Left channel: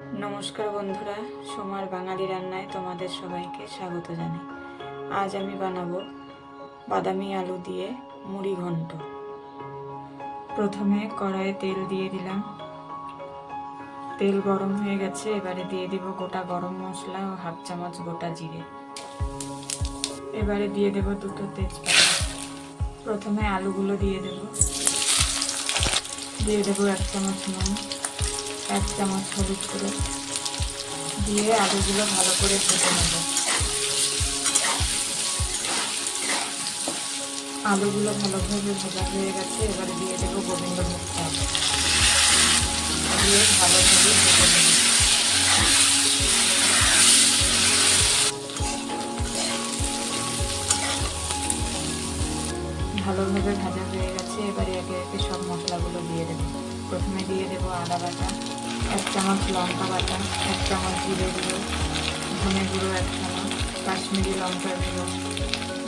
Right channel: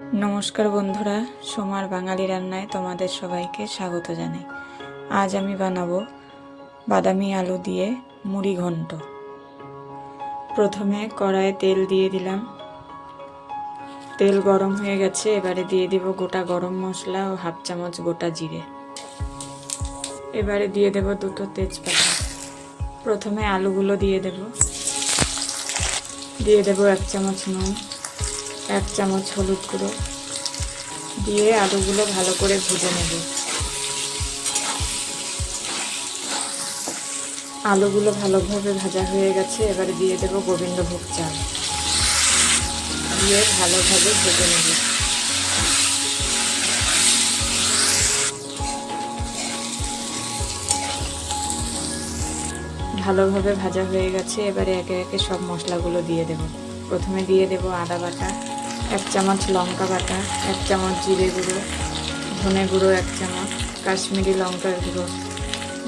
নমস্কার বন্ধুরা, সোমার বাঙালি রান্নায় তোমাদের সবাইকে স্বাগত জানাই। আজ আমি বানাবো বাদামি আলু দিয়ে মুড়ি ঘন্ট। প্রথমে কড়াইয়ে তেল দিয়ে দিলাম। তেল গরম হয়ে গেছে, এবারে দিয়ে দেব গোটা গরম মশলা ও হাফ চামচ গোটা জিরে। এবারে দিয়ে দেব দুটো তেজপাতা। প্রথমে আলুগুলো দিয়ে দেব। দিয়ে দেব 1 চামচ নুন, 1 চামচ হলুদ গুঁড়ো দিয়ে আলুগুলো ভালো করে ভেজে নেব। আলুগুলো ভালোভাবে ভাজা হয়ে গেছে, এবারে দিয়ে দেব গোবিন্দভোগ চাল, দিয়ে ভালোভাবে ভেজে নেব। ভালোভাবে ভাজা হয়ে গেছে, এবারে একে একে সব মশলাগুলো দিয়ে দেব। প্রথমে দিয়ে দেব আদা বাটা, 1 চামচ লঙ্কা বাটা, 1 চামচ জিরে গুঁড়ো, ধনে গুঁড়ো 1 চামচ, কাশ্মীরি লঙ্কার গুঁড়ো,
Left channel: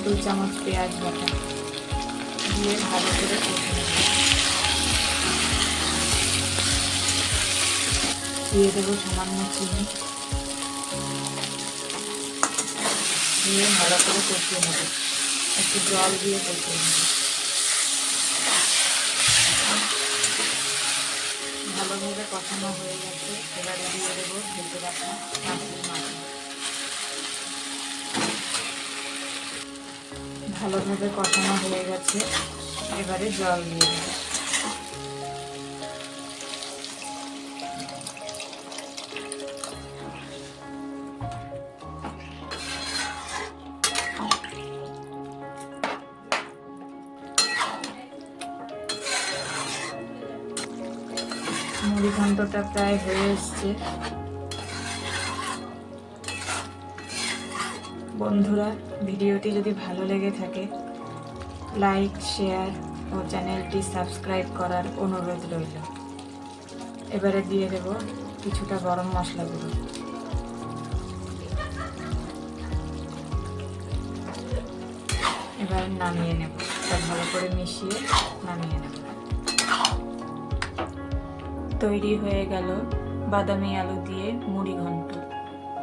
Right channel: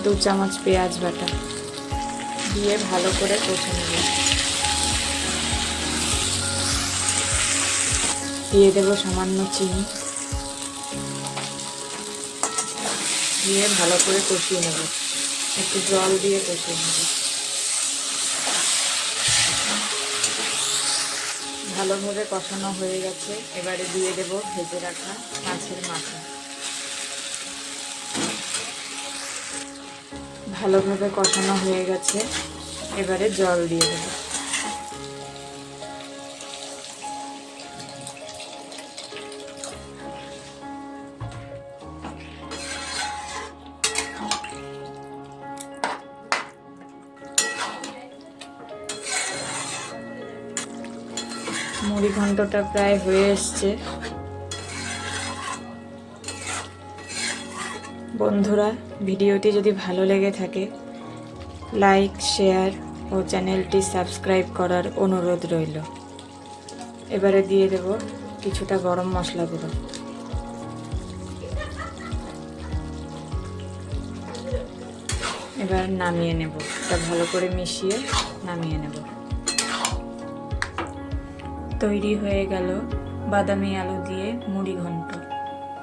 2 চামচ পেঁয়াজ বাটা দিয়ে ভালো করে কষে নেব। দিয়ে দেব সামান্য চিনি, দিয়ে ভালো করে কষিয়ে নেব। একটু জল দিয়ে কষিয়ে নেব। ভালোভাবে কষানো হয়ে গেছে, এবারে দিয়ে দেব ভেজে রাখা মাছের মাথা। ভালোভাবে কষানো হয়ে গেছে, এবারে জল দিয়ে দেব। মুড়ি ঘন্টটা প্রায় হয়ে এসছে। বন্ধুরা, ভিডিওটি যদি ভালো লেগে থাকে লাইক, শেয়ার ও চ্যানেলটি সাবস্ক্রাইব করার অনুরোধ রইল। এবারে দিয়ে দেব কিছুটা গরম মশলা গুঁড়ো। এবার নামিয়ে নেব, সব ভালো করে মিশিয়ে নামিয়ে নেব। তৈরি হয়ে গেল বাদামি আলু দিয়ে মুড়ি ঘন্ট।